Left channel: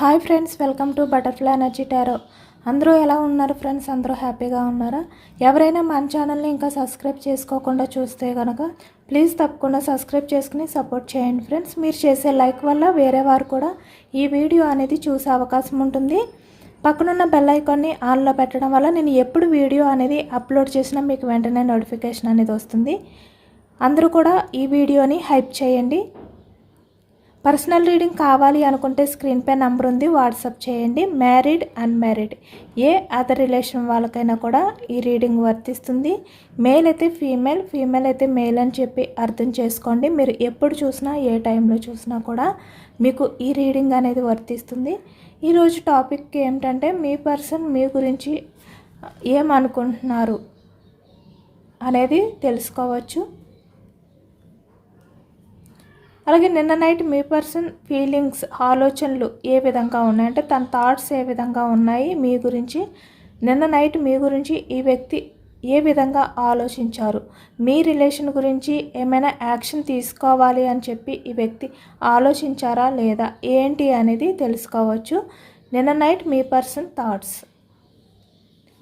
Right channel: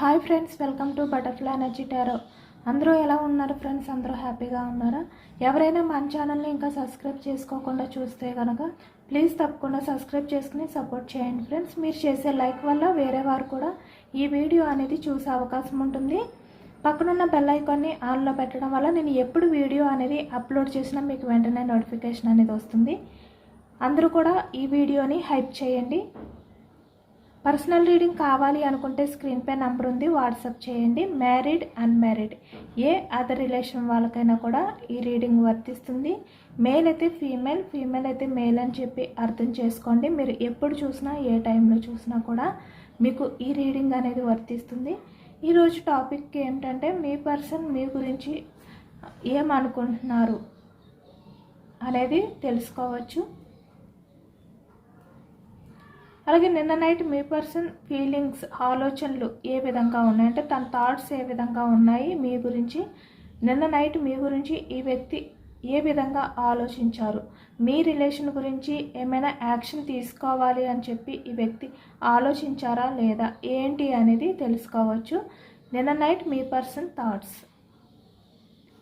Hi friends welcome to butterfly energy tarot. అందరూ ఎలా ఉన్నారు ఫ్రెండ్స్? అందరూ హ్యాపీగా ఉన్నారా? ఎవరైనా మన ఛానల్ని ఇంకా సబ్స్క్రైబ్ చేసుకోకుండా చూస్తే కనుక ప్లీజ్ తప్పకుండా సబ్స్క్రైబ్ చేసుకుని సపోర్ట్ చేయండి ఫ్రెండ్స్. మీరు చేసే లైక్ వల్ల వేరే వారు కూడా ఈ వీడియో అనేది చూసే అవకాశం ఉంటుంది. పక్కనున్న బెల్ ఐకాన్ని ఆన్లో పెట్టడం వల్ల నేను ఎప్పుడు వీడియో అనేది అప్లోడ్ చేసినా మీకు వెంటనే నోటిఫికేషన్ అనేది వస్తుంది. అందరూ కూడా ఈ వీడియోని హైప్ చేయండి. పర్సనల్ రీడింగ్ కావాలి అనుకుంటే స్క్రీన్ పై నంబర్ ఉంది వాట్సాప్ చేయండి. Married unmarried. Any other relation వాళ్ళకైనా కూడా ఈ రీడింగ్ వర్తిస్తుంది. మేల్ అయితే ఫీమేల్ ఫీమేల్ అయితే మేల్ అని చెప్పి అర్థం చేసుకోండి. మీరు ఎప్పుడు చూసినా ఏ టైంలో చూసినా కూడా మీకు ఈ రీడింగ్ అనేది వర్తిస్తుంది. ఈరోజు టాపిక్ ఏమిటంటే మీ పర్సన్ మీ గురించి ఏమనుకుంటున్నారు అనేది తెలుసుకోవచ్చు. అలాగే నిన్న నైట్ మీ పర్సన్ ఫీలింగ్స్ ఆలోచనలు ఏ విధంగా ఉన్నాయంటే తన థాట్స్ ఏ విధంగా ఉన్నాయి? మీ గురించి నిన్న నైట్ మీ గురించి ఈ వ్యక్తి ఏ విధంగా ఆలోచించారు? మీ రిలేషన్ గురించి ఏమైనా యాక్షన్ తీసుకోవాలి అని చెప్పి ఈ వ్యక్తి ఆలోచించారా లేదా? ఏంటి అనేది తెలుసుకోవచ్చు. నిన్న నైట్ మీ పర్సన్ థాట్స్.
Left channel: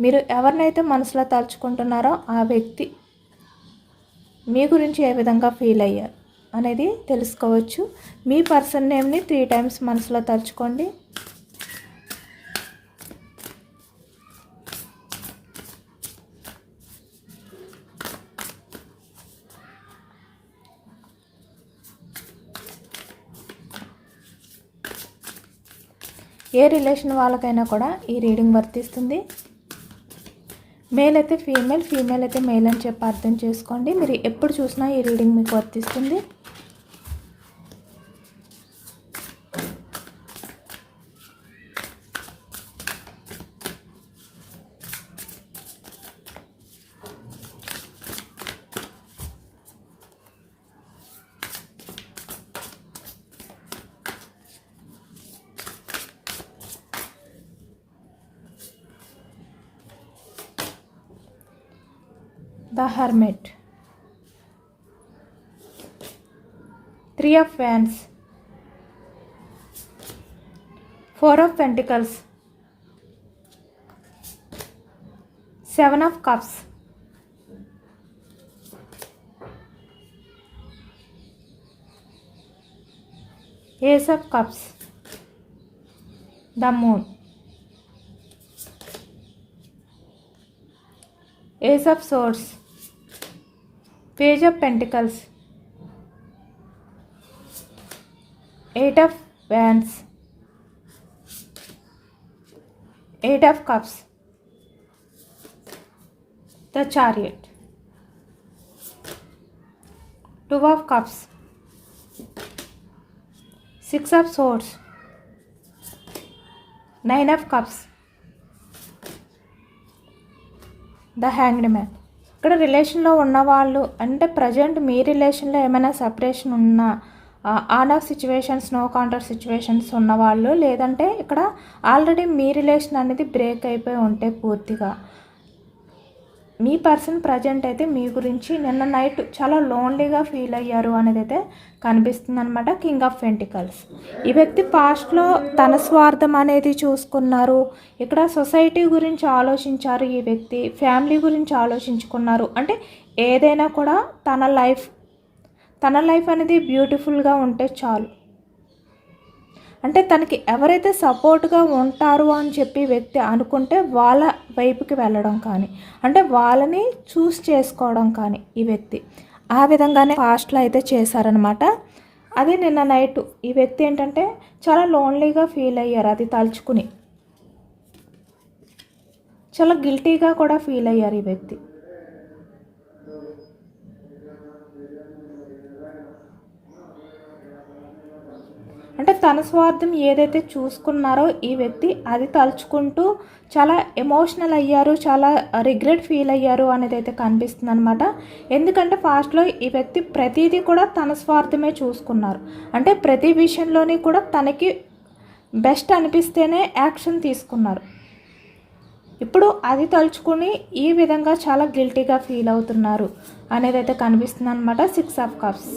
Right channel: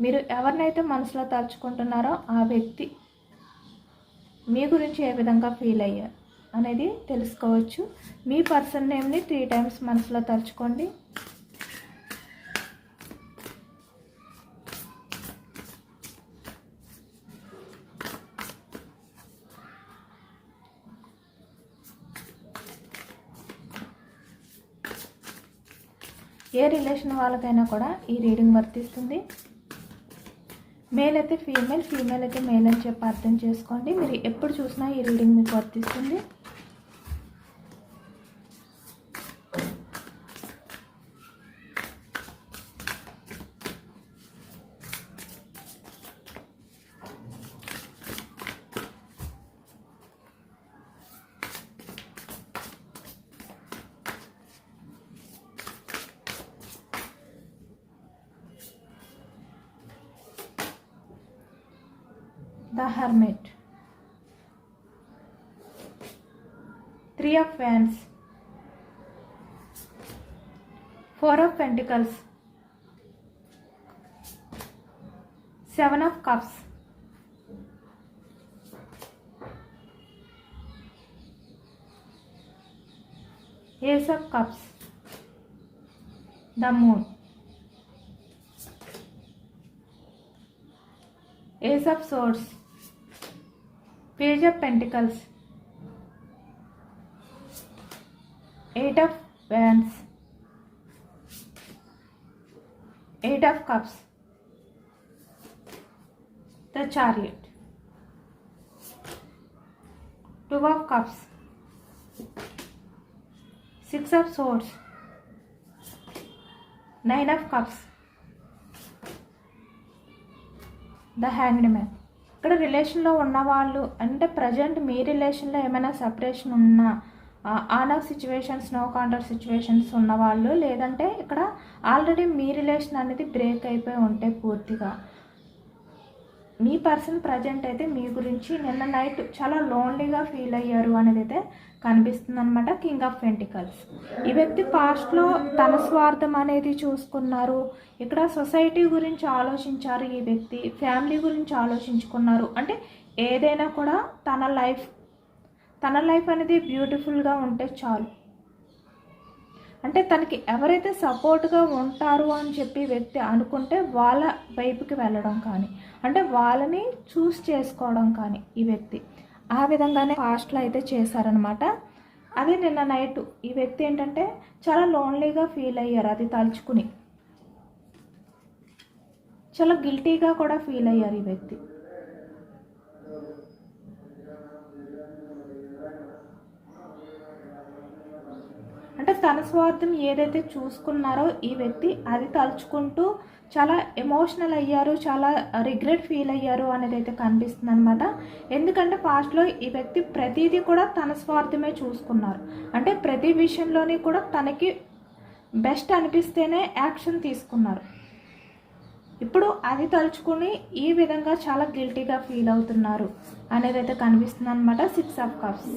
మీరు ఎవరినైతే మనసులో తలుచుకుంటున్నారో ఆ వ్యక్తి మీ గురించి ఏ విధంగా ఫీల్ అయ్యారు? అనేది తెలుసుకోవచ్చు. మీ పర్సన్ నేమ్ని త్రీ టైమ్స్ మనసులో తలుచుకోండి. ఏ రిలేషన్ వాళ్ళకైనా కూడా ఈ రీడింగ్ వర్తిస్తుంది. మేల్ అయితే ఫీమేల్ ఫీమేల్ అయితే మేల్ అని చెప్పి అర్థం చేసుకోండి. మీరు ఎప్పుడు చూసినా ఈ రీడింగ్ మీకు వర్తిస్తుంది. Seven of cups. Ace of cups. The moon. Ace of swords. Page of pentacles. Eight of wands eight of cups the chariot two of cups six of swords nine of cups the hanged man ఇక్కడ రిలేషన్లో ఉన్నవాళ్ళు అంటే present మీ రిలేషన్లో ఏమైనా separation ఉన్నా on off situations no contact situations ఉన్నవాళ్ళు లేదంటే ఇక్కడ ఆల్రెడీ మీ రిలేషన్ అనేది బ్రేక్ అయిపోయి ఉంటే పూర్తిగా. మీ పర్సన్ ప్రజెంట్ అయితే మీ గురించి నిన్న నైట్ చాలా లోన్లీగా ఫీల్ అయ్యారు అనేది అయితే కనిపిస్తుంది అనమాట కింగ్ ఆఫ్ పెంటికల్స్ ఈ వ్యక్తి పాస్ట్లో తన స్వార్థం అనేది చూసుకున్నారు. ఇక్కడ సొసైటీ గురించి ఆలోచించారు ఈ వ్యక్తి ఫ్యామిలీ గురించి ఆలోచించుకున్నారు. అంటే ఏదైనా కూడా తన లైఫ్ తన లైఫ్ అనేది బ్యూటిఫుల్గా ఉంటే చాలు. అంటే తనకి ఎవరైతే సపోర్ట్గా ఉంటారు అని చెప్పి వ్యక్తి అనుకుంటే వాళ్ళ వైపుకి వెళ్ళడం కానీ అంటే వాళ్ళని చూస్ చేసుకోవడం కానీ ఈ వ్యక్తి. ఆ విధంగానే ఫాస్ట్లో అయితే చేశారనమాట. అది నిన్న నైట్ ఈ వ్యక్తి ఏంటంటే చాలా లోన్లీగా ఫీల్ అయ్యారు అది తలుచుకుని. చాలా గిల్టీగా కూడా ఫీల్ అయ్యారు ఈ వ్యక్తి. అంటే తన స్వార్థం ఏదైతే చూసుకున్నారో ఈ వ్యక్తి అది తలుచుకుంటూ చాలా ఎమోషనల్ అయ్యారు చాలా రిగ్రెట్ ఫీల్ అయ్యారు అనేది అయితే కనిపిస్తుంది అనమాట ఎందుకంటే ఫాస్ట్లో ఈ వ్యక్తి ప్రతిదీ కూడా తన స్వార్థమే చూసుకున్నారు. అంటే ప్రతి విషయంలోని కూడా తనకి బెస్ట్ అనిపిస్తేనే యాక్షన్ తీసుకున్నారు. ఇప్పుడు అది తలుచుకుని ఈ విధంగా చాలా గిల్టీగా ఫీల్ అవుతున్నారు అనేది అయితే కనిపిస్తుంది అనమాట సిక్స్ ఆఫ్ కప్స్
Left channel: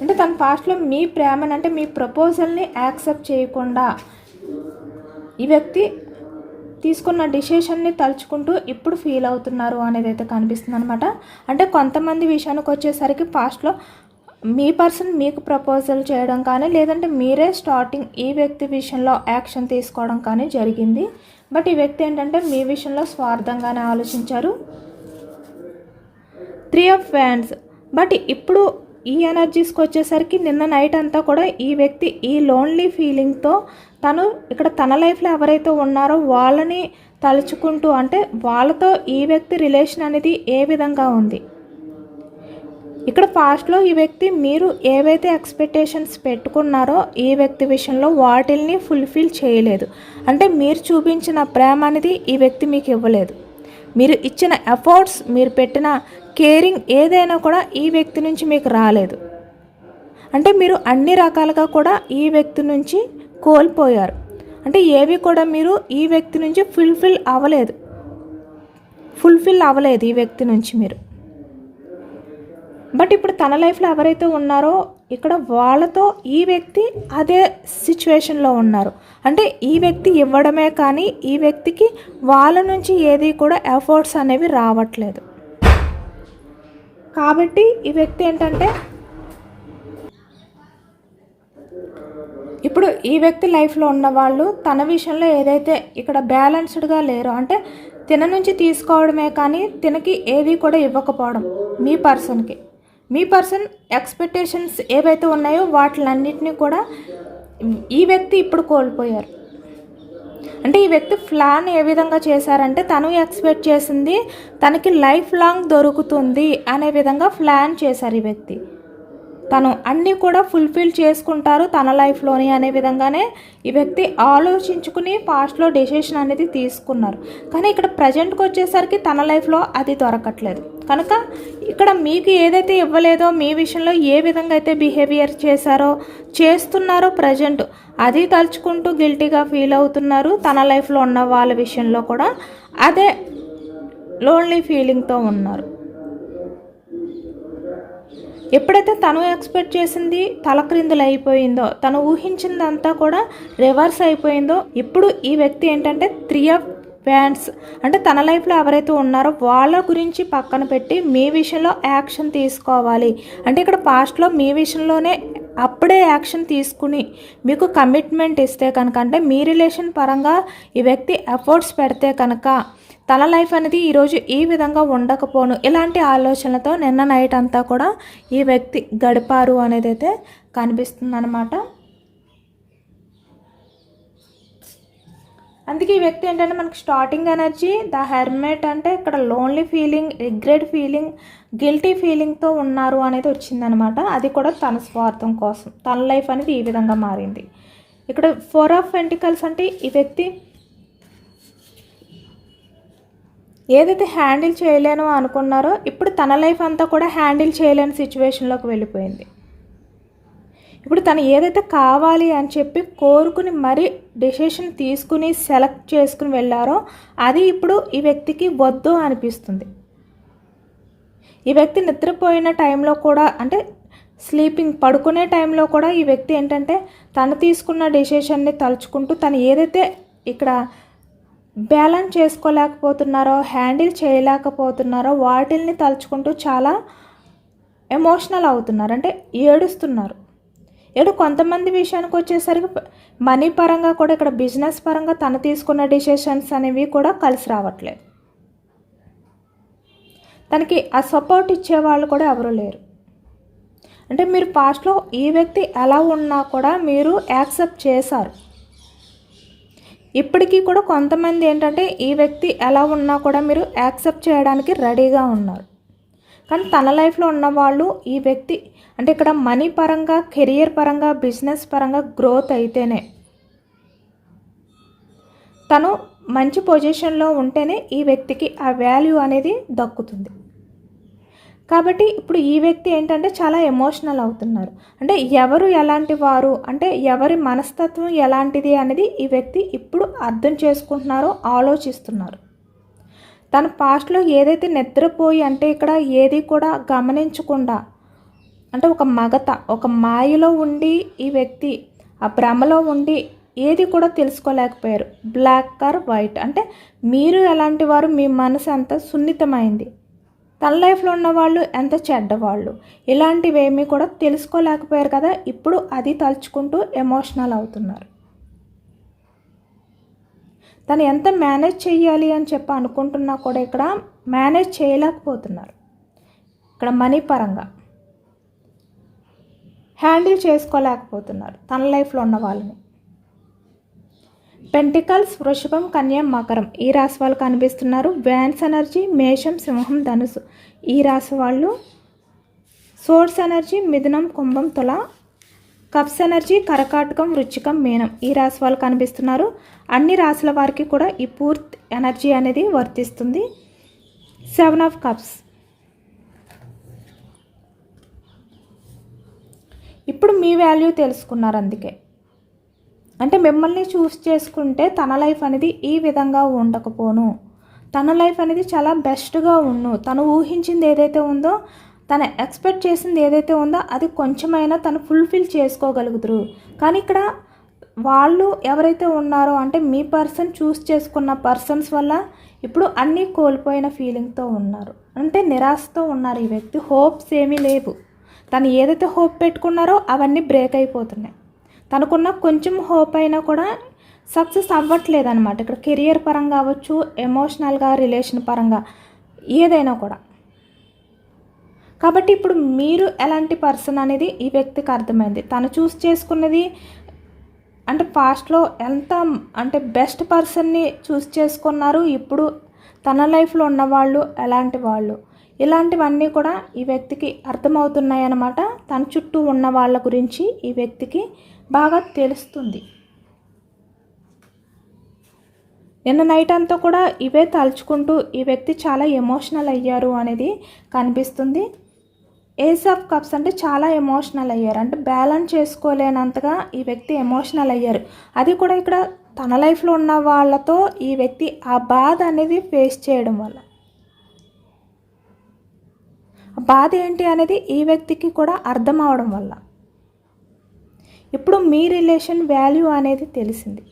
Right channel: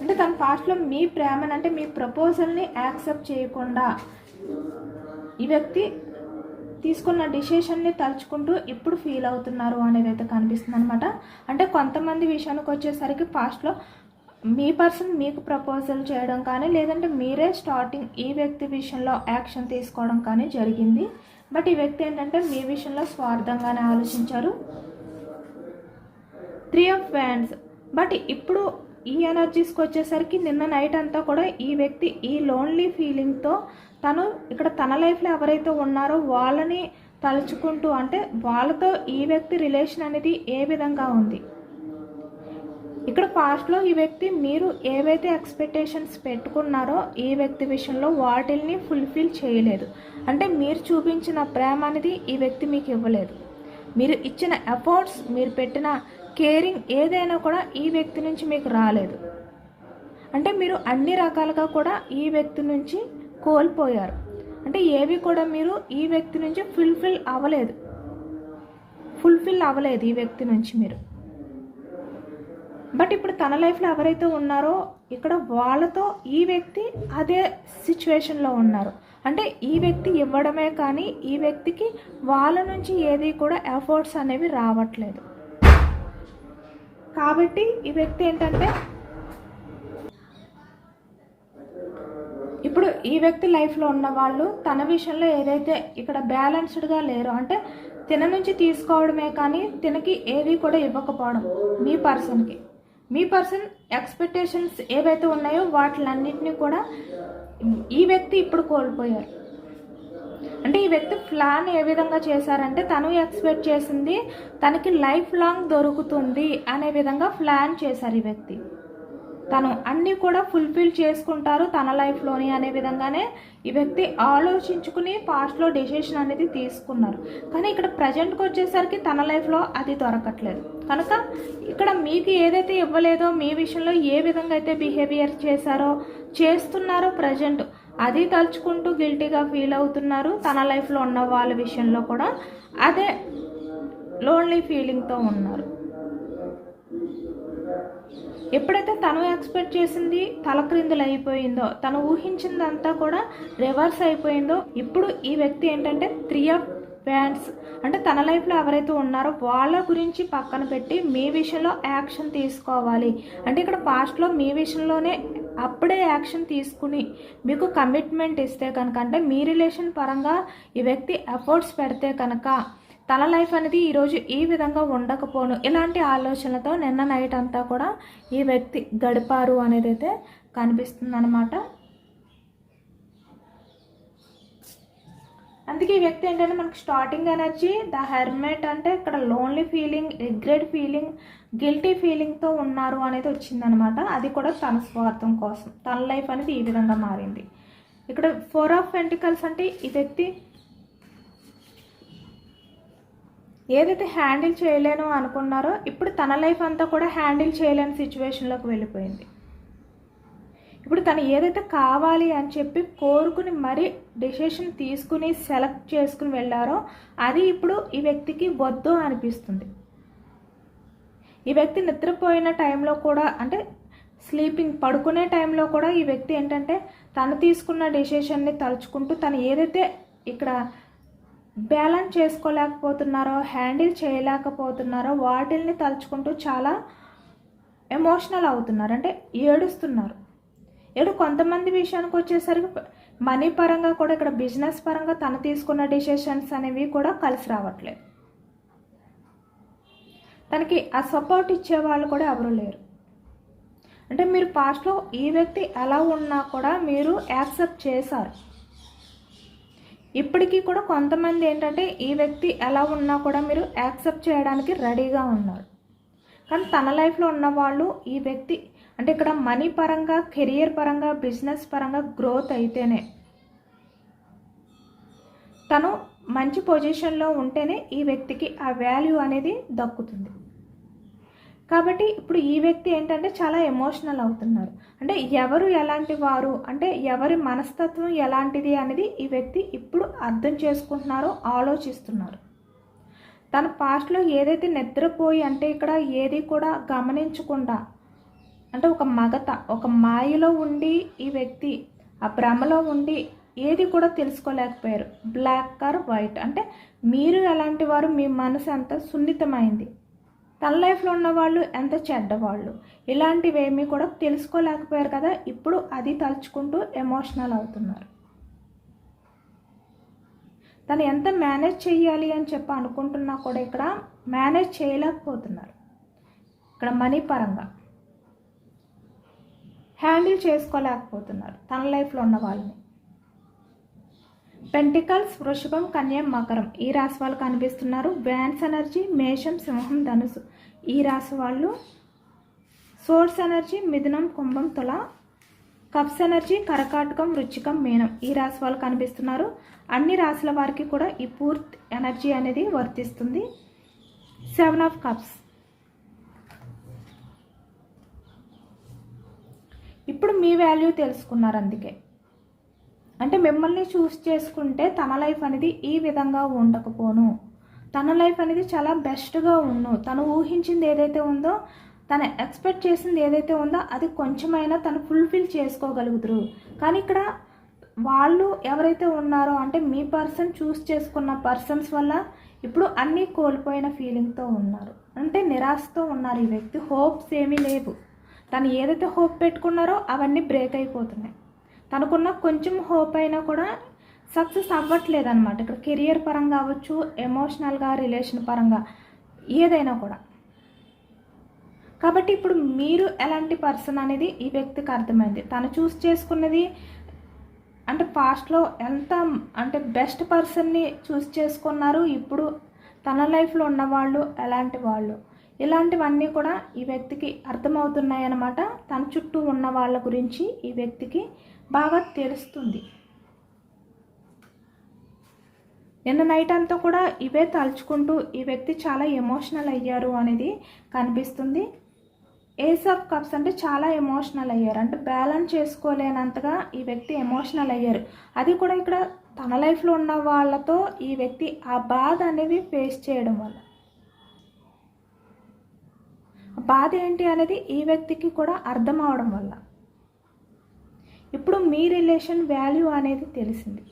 అంటే తన పాస్ట్లో మీ ప్రేమను అంటే మీ ప్రపోజల్ని యాక్సెప్ట్ చేయకుండా ఈ వ్యక్తి తీసుకున్న డిసిషన్ని తలుచుకుంటూ ఇప్పుడు ఫీల్ అవుతున్నారు అనేది అయితే కనిపిస్తుంది అనమాట అంటే కొంతమంది విషయానికి వచ్చేసరికి పాస్ట్లో మీ పర్సన్ మీకు ప్రపోజల్ చేయడం కానీ లేదంటే మీరే స్టార్టింగ్ ఈ వ్యక్తి విషయంలో యాక్షన్ తీసుకోవడం కానీ జరిగింది. బట్ ఈ వ్యక్తి ఏంటంటే మీ విషయంలో స్వార్థంగానే ఆలోచించారు. త్రీ ఆఫ్ ఫ్యాన్స్ బట్ ఇప్పుడు ఈ ఎనర్జీస్కి వచ్చేసరికి నిన్న నైట్ అంతా కూడా ఈ వ్యక్తి ఈ లోన్లీ ఫీలింగ్తో తను ఇక్కడ తన లైఫ్లో ఎవరైతే ఉన్నారో వాళ్ళని తలుచుకుంటూ అంటే వాళ్ళతో ఈ వ్యక్తి రిలేషన్ అనేది ఏ విధంగా ఉంది? ఇక్కడ పాస్ట్లో ఈ వ్యక్తి మీరు ఏవైతే ఎక్స్పెక్టేషన్స్ పెట్టుకున్నారో ఈ వ్యక్తి విషయంలో వాటిల్ని ఫుల్ఫిల్ చేయలేదు. అంటే మీరు చూపించిన ప్రేమ అనేది ఈ వ్యక్తి మీకు ఇవ్వలేదు. మీరు ఇచ్చిన ఎఫర్ట్స్ మీరు పెట్టిన కేరింగ్ ఏదైనా కూడా ఈ వ్యక్తి నుంచి మీకు రాలేదు. అంటే మీరు అన్ని రకాలుగా కూడా ఈ వ్యక్తి నుంచి కోల్పోయారు. అంటే ఏవి కూడా మీరు ఈ వ్యక్తి నుంచి ఫుల్ఫిల్ అవ్వలేదు. ఫుల్ఫిల్ అవ్వలేదు ఈ వ్యక్తి నుంచి మీరు. బట్ ఇప్పుడు తన లైఫ్లో ఎవరైతే ఉన్నారో ఇక్కడ వాళ్ళతో ఈ వ్యక్తి అదే సిచ్యువేషన్లో ఉన్నారు. అంటే ఈ వ్యక్తి ఇవ్వడమే కానీ ఈ వ్యక్తికి వాళ్ళ నుంచి ఏది కూడా ఎఫర్ట్స్ అనేవి రావట్లేదు. కాబట్టి ఈ వ్యక్తి ఏంటంటే ఇప్పుడు ఈ వ్యక్తి లైఫ్లో ఉన్న వాళ్ళు తన విషయంలో ఏదైతే ఇక్కడ బ్యాలెన్స్డ్గా లేరో అంటే తిన నుంచి తీసుకోవడమే కానీ తినకి ఏది కూడా ఇవ్వకపోవడం మీ పర్సన్కి. మీ పర్సన్ ఎక్స్పెక్టేషన్స్ ఏవైతే ఉన్నాయో వాటిలన్నింటినీ కూడా ఈ వ్యక్తి ఇప్పుడు కోల్పోయారు. అంటే ఈ వ్యక్తి ప్లాన్ ఏ విధంగా చేశారంటే తను ఎక్స్పెక్ట్ చేసింది తనకి లైఫ్ లాంగ్ దొరుకుతుంది అనే విధంగా ప్లాన్ చేశారు ఈ వ్యక్తి. తను అన్నీ కూడా ఫుల్ఫిల్ చేసుకుంటారు తన లైఫ్లోని అనే విధంగానే ఈ వ్యక్తి ఆలోచించుకుని పాస్ట్లో డెసిషన్ అనేది తీసుకున్నారు. కానీ ఇక్కడ ప్రజెంట్కి వచ్చేసరికి తన లైఫ్లో అది దొరకట్లేదు. కనుక ఇక్కడ మీకు ఏదైతే ఇవ్వలేదో మీ విషయంలో ఏ విధంగా అయితే బిహేవియర్ చేశారో చేస్తున్నారో ప్రజెంట్ అది తలుచుకుంటూ గిల్టీగా ఫీల్ అవుతున్నారు తన లైఫ్లో ఉన్న వాళ్ళ విషయంలో కూడా. అదే లోన్లీ ఫీలింగ్తో ఉన్నారు. ఎప్పుడైతే తను ఎక్స్పెక్ట్ చేసింది తలక్రిందులు అయిపోయిందో తను ఊహించిందంతా కూడా రివర్స్ అయిపోయిందో ఇప్పుడు ఈ వ్యక్తి ఏంటంటే త్రీ ఆఫ్ ఫ్యాన్స్ అంటే తన లైఫ్లో ఎవరైతే ఉన్నారో వాళ్ళ గురించి పక్కన పెట్టి మీ విషయంలో యాక్షన్ తీసుకోవాలి. అంటే ఇక్కడ పాస్ట్లో మీ విషయంలోనే అప్పుడే యాక్షన్ తీసుకుని మీకు కమిట్మెంట్ ఇస్తే కనుక అంటే మీ రిలేషన్ పరంగా ఈ వ్యక్తి ఎఫర్ట్స్ పెడితే కనుక తన లైఫ్ అనేది ఈరోజు ఈ విధంగా ఉండకపోను. ఇలాంటి ఆలోచనలతో నిన్న నైట్ అంతా కూడా ఈ వ్యక్తి గడిపారు అనేది అయితే కనిపిస్తుంది అనమాట అందుకే ఈ వ్యక్తి ఏంటంటే మనకి స్టార్టింగ్ ఎనర్జీ ద హెర్మేట్ అంటే ఇక్కడ lonely feeling regret feeling guilty ఫీలింగ్తో ఉన్నారు అనేది వచ్చిందనమాట అది కూడా తన స్వార్థం కోసం. తన లైఫ్ అనేది ఈ విధంగా మారింది. ఇక్కడ ఫోర్ ఆఫ్ వెంటికల్స్ అంటే ఈ వ్యక్తి ఏదైతే హ్యాండిల్ చేయలేను అనుకున్నారో ఇప్పుడు తన లైఫ్ అంతా కూడా హ్యాండిల్ చేయలేని సిచ్యువేషన్లోకి వెళ్ళిపోయింది. ఇప్పుడు తను ఏదైతే కావాలి అని చెప్పి కోరుకుని మరీ డెసిషన్ తీసుకుని సెలెక్ట్ చేసుకుని వెళ్ళారో అది ఇప్పుడు ఈ వ్యక్తికి వద్దు అనిపిస్తుంది. ఈ వ్యక్తి నిద్రపోయిన టైంలో కూడా అంటే స్లీపింగ్ పడుకునే టైంలో కూడా ఈ వ్యక్తి ఏంటంటే తను తీసుకున్న డెసిషన్ని తలుచుకుంటూ తను ఏదైతే ఇక్కడ బ్యాలెన్స్ చేసుకోలేకపోతున్నారో హ్యాండిల్ చేయలేకపోతున్నారో వాటిల్ని తలుచుకుంటూ చాలా ఎమోషనల్ అవుతున్నారు. అంటే ఏడుస్తున్నారు. ఏడు కొంతమంది విషయానికి వచ్చేసరికి మనీ పరంగా కూడా ఇక్కడ బిజినెస్ పరంగా తను తీసుకున్న డిసిషన్స్ అనేవి కూడా కలిసి రావట్లేదు. తనకి ఆ సపోర్ట్ ఇచ్చే వాళ్ళు కూడా ఎవరు లేరు. అంటే మీరు పాస్ట్లో ఈ వ్యక్తి ఎలా ఉన్నా కూడా మీరు యాక్సెప్ట్ చేశారు. ఇప్పటికీ కూడా కొంతమంది ఏంటంటే ఈ వ్యక్తి ఎలా ఉన్నా కూడా మీరు యాక్సెప్ట్ చేయడానికి రెడీగా ఉన్నారు. కానీ తన లైఫ్లో ఉన్నవాళ్ళు ఈ వ్యక్తి అంటే ఇక్కడ మనీ పరంగా కెరియర్ పరంగా బిజినెస్ పరంగా గ్రోత్ అయితేనే తను మంచి పొజిషన్లో ఉంటేనే ఈ వ్యక్తికి ఆ వాల్యూ అనేది దక్కుతుంది. కాబట్టి ఇప్పుడు ఈ వ్యక్తి ఏంటంటే చాలా ఎమోషనల్ అవుతున్నారు. అంటే ఎవరు ఎలాంటి వారు? అంటే ఎవరి మనస్తత్వం ఎలాంటిది అనేది ఈ వ్యక్తి ఇప్పుడు అర్థం చేసుకుంటున్నారో ఆలోచిస్తున్నారు. తన పాస్ట్లో ఏదైతే నిద్రపోయి అంటే ఇక్కడ ఏది కూడా గమనించకుండా అంటే ఒక మగత ఒక మాయలో ఉండి ఈ వ్యక్తి ఆ భ్రమలో ఉండి ఏది కూడా తెలుసుకోలేకపోయారు. బ్లాక్ ఆర్ వైట్ అంటే మీరు ఎలాంటి వారు? మీ మనసు అంత సున్నితమైంది. తన లైఫ్లో ఉన్నవాళ్ళు ఎంత చెడ్డవాళ్ళు? ఇలాంటివేమీ కూడా తెలుసుకోలేకపోయారు కదా ఇప్పుడు అది తలుచుకుంటూ ఎమోషనల్ అవుతున్నారు. తను ఎంత మేనేజ్ చేయాలి అని చెప్పి అనుకుంటున్నా కూడా ఇక్కడ మేనేజ్ చేయలేకపోతున్నారు. ఇక్కడ మనీ పరంగా హ్యాండిల్ చేసుకోలేకపోతున్నారు తన లైఫ్లో ఉన్న వాళ్ళని. పెంటికల్స్ వృషభం కన్యం మకరం. ఈ రాశి వాళ్ళు కనిపిస్తున్నారు. వ్యాన్స్ ఎనర్జీ మేషం సింహం ధనుసు. ఈ రాశి వాళ్ళు సోర్స్ ఎనర్జీ మిథునం కుంభం తుల. కప్స్ ఎనర్జీ కరకాటకం వృచ్చికం మీనం. ఈ రాశి వాళ్ళు కనిపిస్తున్నారు. అన్ని రాశుల వారికి కూడా ఈ పూర్తి ఎనర్జీ అనేది వర్తిస్తుంది. Seven of cups. ఇప్పుడు మీ వాల్యూ తెలుసుకున్నారు అందుకే. అంటే మిమ్మల్ని చూస్ చేసుకుంటే తన లైఫ్ అనేది ఈ విధంగా ఉండకపోను. తన లైఫ్ అనేది చాలా బెస్ట్గా ఉండు. తను ఊహించింది ఏదైతే ఉందో తను ఎక్స్పెక్ట్ చేసింది ఏదైతే ఉందో అది కొంచెమైనా తను ఫుల్ఫిల్ చేసుకోగలుగుతారు. కానీ ఇక్కడ వాళ్ళు ఎవరైతే ఉన్నారో అంటే మీ పర్సన్ చూస్ చేసుకున్న పర్సన్స్ వల్ల ఇప్పుడు అన్నీ కోల్పోయిన ఫీలింగ్తో ఉన్నారు. అంటే నిరాశతో ఉన్నారు ఈ వ్యక్తి. హోప్స్ ఏమీ లేవు. తను ఏదైతే హోప్ పెట్టుకున్నారో అవన్నీ బ్రేక్ అయిపోతున్నాయి. తనకున్న కొంచెం హోప్ అయినా కూడా సక్సెస్ అవ్వట్లేదు అనమాట ఇక్కడ కెరియర్ పరంగా అవ్వచ్చు ఎమోషనల్గా రిలేషన్ పరంగా ఏదైనా కూడా. కాబట్టి ఇప్పుడు మీరు ఎలాంటి పర్సన్ అనేది ఈ వ్యక్తికి అర్థమైంది. తను చూస్ చేసుకున్నది అంటే పాస్ట్లో ఎంత అంటే బెస్ట్ పర్సన్ని చూస్ చేసుకున్నారు ఇప్పుడు తన లైఫ్లో ఉన్నవాళ్ళు ఎలాంటి వాళ్ళు. ఇలాంటివన్నీ కూడా ఈ వ్యక్తికి అర్థమవుతున్నాయి అన్నమాట తన చుట్టూ ఉన్న వాళ్ళ గురించి ఈ వ్యక్తికి బాగా తెలుస్తుంది. నిన్న నైట్ అంతా కూడా ఇవే తలుచుకుంటూ ఈ వ్యక్తి చాలా ఎమోషనల్ అయ్యారు అనేది కనిపిస్తుంది. ఏస్ ఆఫ్ కప్స్ అంటే చాలా ఎమోషనల్ అయ్యారు. అంటే బ్యాలెన్స్ చేసుకోలేనంతగా ఈ వ్యక్తి ఎమోషనల్ అయ్యారు. అది కూడా ఇక్కడ తన లైఫ్లో ఉన్న వాళ్ళతో ఈ వ్యక్తి ఆ బాధ అనేది ఫేస్ చేయడం వల్ల. బాధ ఏంటి అనేది ఈ వ్యక్తికి కూడా అర్థం అవడం వల్ల. ఇప్పుడు మీ రిలేషన్ వాల్యూ అనేది తెలిసింది.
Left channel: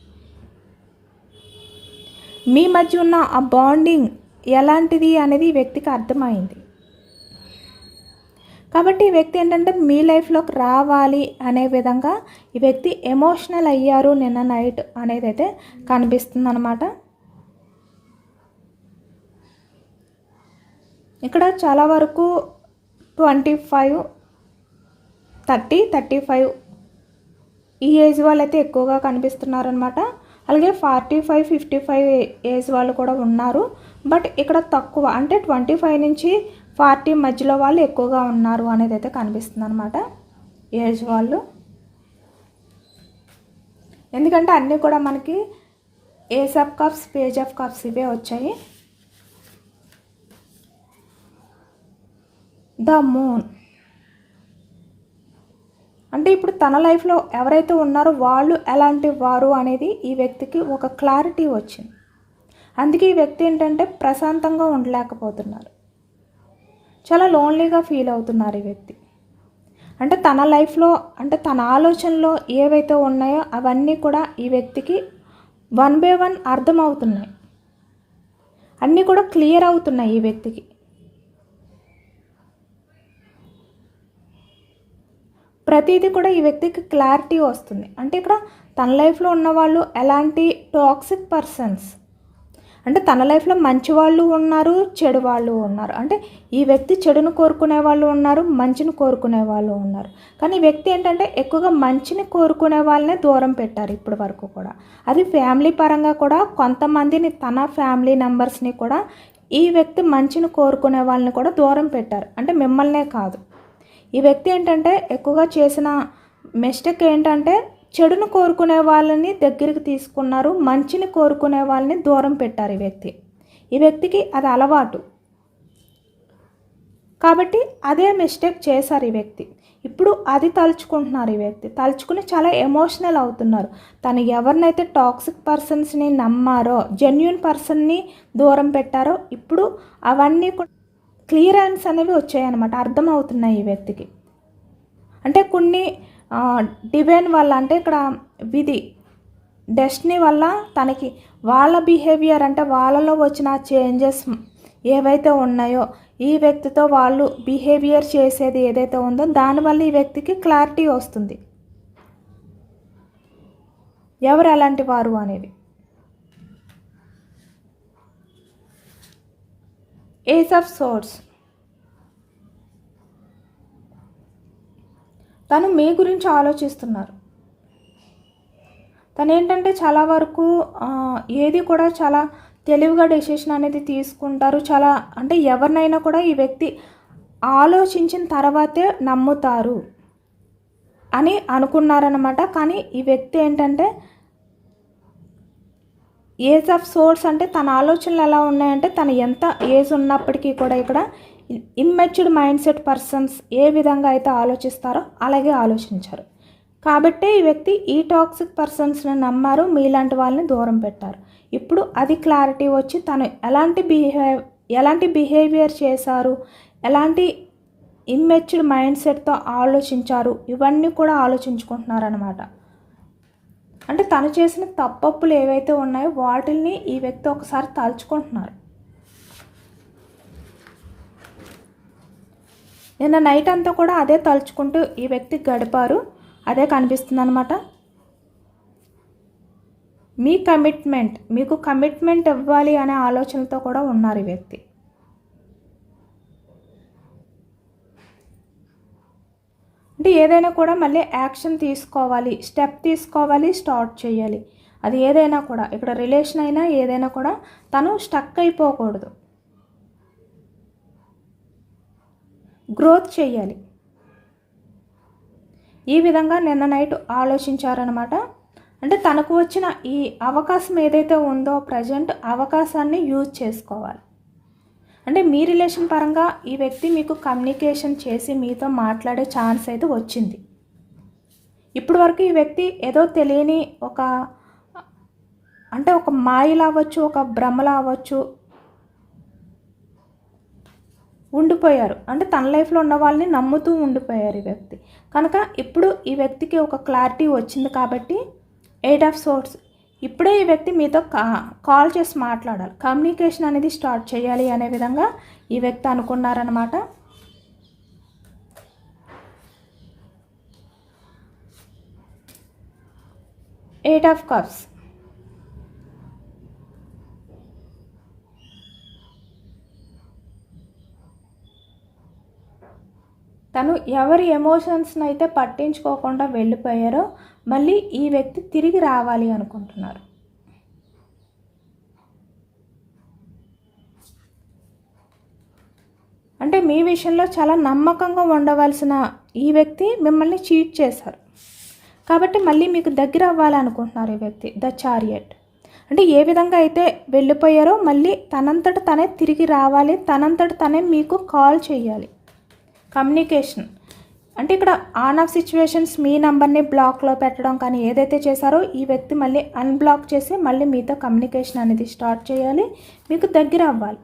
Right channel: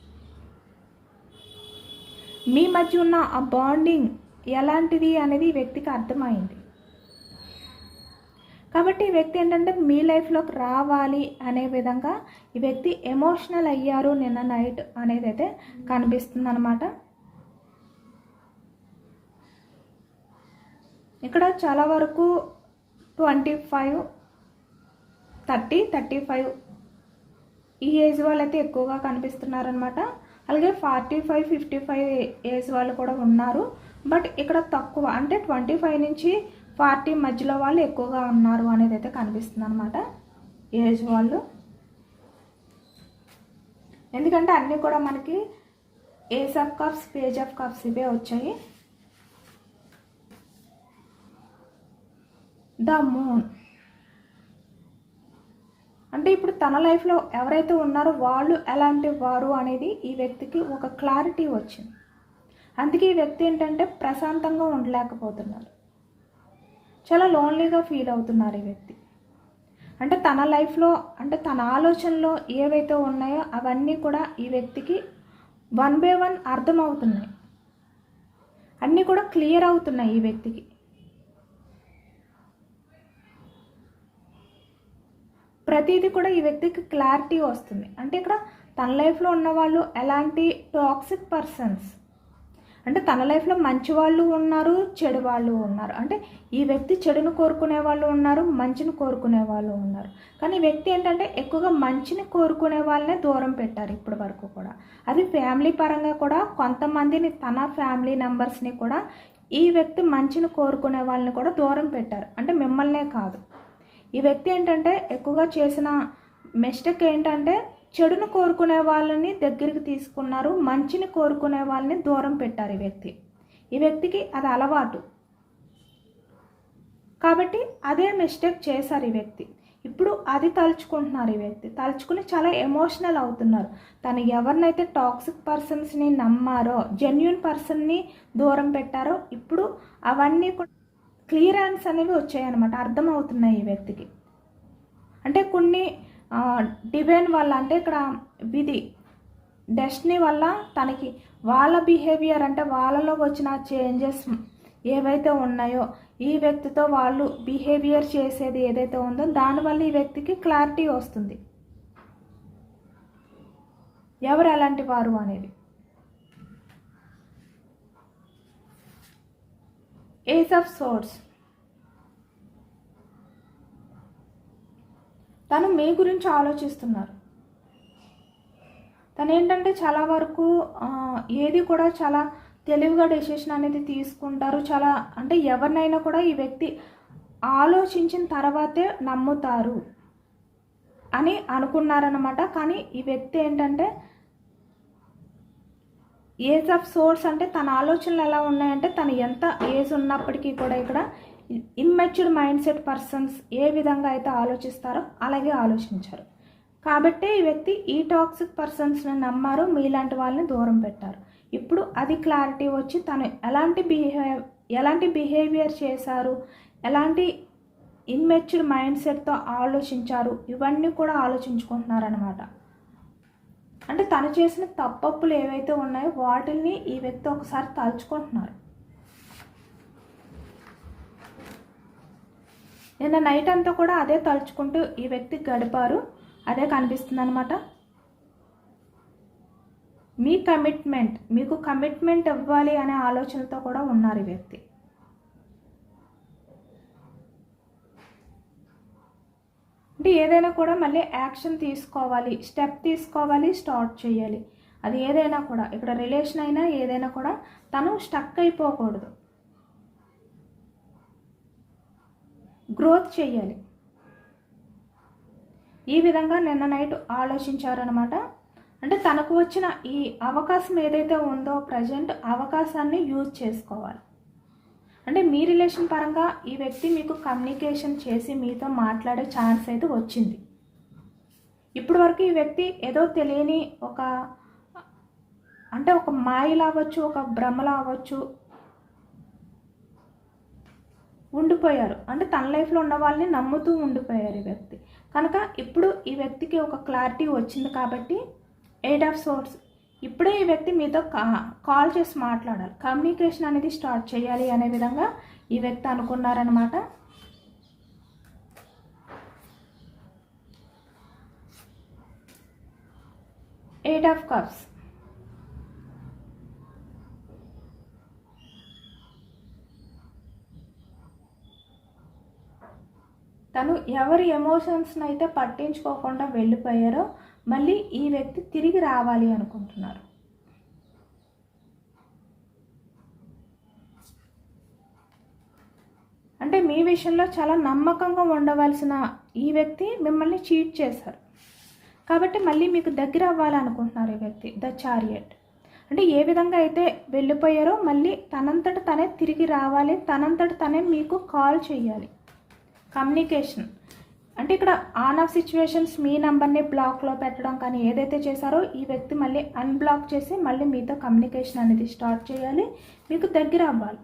మీ మధ్య ఉన్న ఆ బాండింగ్ ఎలాంటిది అనేది వ్యక్తికి అర్థమైంది. కాబట్టి ఈ వ్యక్తి ఏంటంటే మీ లైఫ్లోకి రావాలి అనే విధంగా ఈ వ్యక్తి ఎమోషనల్ అయ్యారు నిన్న నైట్ అనేది అయితే కనిపిస్తుంది అనమాట ఇక్కడ చాలా వరకు twenty five thirty thirty five ఈ ఏజ్ వాళ్ళు అయితే ఎక్కువగా కనిపిస్తున్నారనమాట అలాగే forty five fifty five age వాళ్ళు కూడా ఉన్నారు. బట్ ఇక్కడ తక్కువ అంటే ట్వంటీ ఫైవ్ నుంచి ఫార్టీ మధ్యలో వాళ్ళు ఎక్కువగా ఉన్నారు అనేది అయితే కనిపిస్తుంది అనమాట ఏజ్ వాళ్ళు. ఎందుకంటే అన్నీ కూడా మనకి ace of cups page of cups ఇవే వచ్చాయి. ద మూన్ అంటే ఇప్పుడు తన లైఫ్లో ఎవరైతే ఉన్నారో వాళ్ళు ఎలాంటి వారు అనేది ఈ వ్యక్తికి ఒక క్లారిటీ వచ్చింది. అందుకే ఈ వ్యక్తి ఏంటంటే ప్రశాంతంగా ఉండలేకపోతున్నారు. చాలా లోన్లీగా ఫీల్ అవుతున్నారు ఈ వ్యక్తి. అంటే తన లైఫ్లో అంటే తన ఆలోచనలో ఏవైతే ఉన్నాయో అవన్నీ కూడా ఈ వ్యక్తికి వన్ బై వన్ అర్థమవుతున్నాయి. అన్నీ కూడా క్లియర్ అవుతున్నాయి ఈ వ్యక్తికి. ప్రతిదీ కూడా ఈ వ్యక్తికి క్లారిటీ వస్తుంది. అంటే ఇక్కడ తన లైఫ్లో ఉన్నవాళ్ళు ఎలాంటి టాక్సిక్ పర్సన్స్ అంటే తన లైఫ్లో మంచి వాళ్ళు ఉన్నారు చెడు వాళ్ళు ఉన్నారు. అంటే ఈ వ్యక్తి చెడును కోరుకునే వాళ్ళు ఉన్నారు మంచిని కోరుకునే వాళ్ళు ఉన్నారు. కానీ ఈ వ్యక్తి ఏంటంటే ఎక్కువగా మంచిని కోరుకునే వాళ్ళనే దూరం పెట్టారు ఇప్పటి వరకు కూడా. అది ఫ్యామిలీ పరంగా కూడా కొంతమందిని తన ఫ్యామిలీ మెంబర్స్ని కూడా ఈ వ్యక్తి మంచిని కోరుకునే వాళ్ళని కూడా దూరం పెట్టారు. అంటే మిమ్మల్నే కాదు. ఈ వ్యక్తి ఏంటంటే ఎక్కువగా చేసిన మిస్టేక్ ఏంటంటే చెడును కోరుకునే వాళ్ళని దగ్గరికి తీసుకున్నారు మంచిని కోరుకునే వాళ్ళని దూరం పెట్టారు ఈ వ్యక్తి. ఈ వ్యక్తికి అది అలవాటు. కాబట్టి అదే మిస్టేక్ చేశారు ఈ వ్యక్తి. ఇప్పుడు అది తలుచుకుంటున్నారు ఈ వ్యక్తి. తలుచుకుని చాలా ఎమోషనల్ అవుతున్నారు. తను ఎవరినైతే టాక్సిక్ పర్సన్స్ని నమ్మారో జెన్యున్ పర్సన్ని దూరం పెట్టారో ఇప్పుడు అవన్నీ కూడా క్లియరెన్స్ అనేవి వచ్చాయన్నమాట. అర్థమవుతున్నాయి ఈ వ్యక్తికి. అంటే కొన్ని డివైన్ వల్ల అంటే ఇక్కడ విధి డెస్టినీ వల్ల తనకి వాళ్ళ బిహేవియర్ అంటే వాళ్ళలో వచ్చిన చేంజెస్ ఏవైతే ఉన్నాయో ఈ వ్యక్తితో వాళ్ళు బిహేవియర్ చేసేది ఏదైతే ఉందో దానివల్ల ఈ వ్యక్తికి క్లారిటీ వస్తుంది. ఎవరు ఎలాంటి వారు అనేది? ఏస్ ఆఫ్ సోర్స్ తను మీ గురించి ఆలోచిస్తున్నారు. తను ఏంటంటే చాలా వరకు ఏది కూడా చాలా తెలివిగా డెసిషన్ అనేది తీసుకుంటారు. చాలా అంటే ఎవరినైనా కూడా ఈ వ్యక్తి ఆలోచించిన తర్వాతే నమ్ముతారు అని అనుకున్నారనమాట కానీ ఈ వ్యక్తి ఏంటంటే ఏజ్ ఆఫ్ సోర్స్ అంటే తన ఆలోచనలు ఎలా ఉన్నాయంటే తను ఎంత ఏజ్ ఉన్నప్పటికీ కూడా ఇక్కడ ఇమ్మెచ్యూర్డ్ మైండ్ సెట్ పర్సన్స్ ఏ విధంగా అయితే ఆలోచిస్తారో అలాగే ఆలోచించారు. కాబట్టే ఈ వ్యక్తి ఈ టాక్సిక్ పర్సన్స్ని నమ్మారు మీలాంటి వాళ్ళని దూరం పెట్టారు. ఇప్పుడు అది క్లారిటీ వచ్చి తను ఎలాంటి బిహేవ్ ఎలాంటి బిహేవియర్ చేశారు ఎలాంటి ఇమ్మెచ్యూర్డ్ మైండ్ సెట్తో ఆలోచించారు ఇవన్నీ కూడా ఆలోచించుకుంటున్నారనమాట అంటే తను చేసిన తప్పప్పులు ఏవైతే ఉన్నాయో వాటిల్ని ఈ వ్యక్తి ఒకసారి తలుచుకుంటున్నారు. నిన్న నైట్ అంతా కూడా అదే తలుచుకుంటూ ఈ వ్యక్తి గడిపారు. అదే కనిపిస్తుంది అనమాట మీ కమిట్మెంట్ మీకు కమిట్మెంట్ ఇవ్వాలి అనే ఆలోచనతో కూడా ఉన్నారు ఈ వ్యక్తి. అంటే ఏదైనా కూడా మళ్ళీ యాక్షన్ తీసుకోవాలి స్టెప్ తీసుకోవాలి స్టార్ట్ చేయాలి. అది ఏదైనా కూడా. ఇక్కడ రిలేషన్ అయినా ఏదైనా కూడా తను స్టక్ అయిపోకూడదు. గ్రోత్ చేయాలి. ఈ విధంగా నిన్న నైట్ ఆలోచించారనమాట అంటే తనకు వచ్చిన ఈ అవకాశం ఏదైతే ఉందో ప్రజెంట్ అవకాశాన్ని యూజ్ చేసుకోవాలి. అంటే మీ రిలేషన్ పరంగా ఈ వ్యక్తి మీకు కమ్యూనికేషన్ చేసి మీతో మాట్లాడే ఛాన్స్ అయితే వచ్చింది. ఇప్పటి వరకు ఈ వ్యక్తి ఏదో తెలియని ఒక అంటే ఒక మాయలా అవ్వచ్చు ఒక భ్రమలా అవ్వచ్చు ఉండిపోయారు. అంటే తన లైఫ్లో ఉన్న వాళ్ళని నమ్ముతూ ఉండిపోయారు ఈ వ్యక్తి. కనుక ఇప్పుడు ఈ వ్యక్తికి ఒక క్లారిటీ వచ్చింది కాబట్టి ఎయిట్ ఆఫ్ సోర్స్ ఇప్పుడే ఈ వ్యక్తి మీతో కా కాల్ చేసి మాట్లాడాలి కమ్యూనికేషన్ అనేది స్టార్ట్ చేయాలి అనే విధంగా ఈ వ్యక్తి అనుకున్నారనమాట ఎయిట్ ఆఫ్ కప్స్ తను ఎవరి ఎమోషన్స్ని అయితే పట్టించుకోకుండా వెళ్ళిపోయారో మళ్ళీ ఈ వ్యక్తి తిరిగి రావాలి అనుకుంటున్నారు. అంటే మీ విషయంలో చాలా నమ్మకంగా ఉండవలసిన ఈ వ్యక్తి మిమ్మల్ని చీట్ చేశారు. కాబట్టి మళ్ళీ మీకు దగ్గర అవ్వాలనుకుంటున్నారు ఈ వ్యక్తి ద చారియట్ అంటే ఏ విధంగా అయితే వెళ్ళిపోయారో మళ్ళీ తనంతట తనే తిరిగి రావాలి తనంతట తనే మీకు కాల్ చేయాలి. కమ్యూనికేషన్. అంటే ఇక్కడ ఆన్ ఆఫ్ సిచ్యువేషన్స్ మీ నంబర్ని బ్లాక్లో పెట్టడం కానీ ఏదైతే చేశారో ఈ వ్యక్తి మళ్ళీ అన్బ్లాక్ చేసి మళ్ళీ మీతో కమ్యూనికేషన్ అనేది స్టార్ట్ చేయాలి. మీకు దగ్గర అవ్వాలి.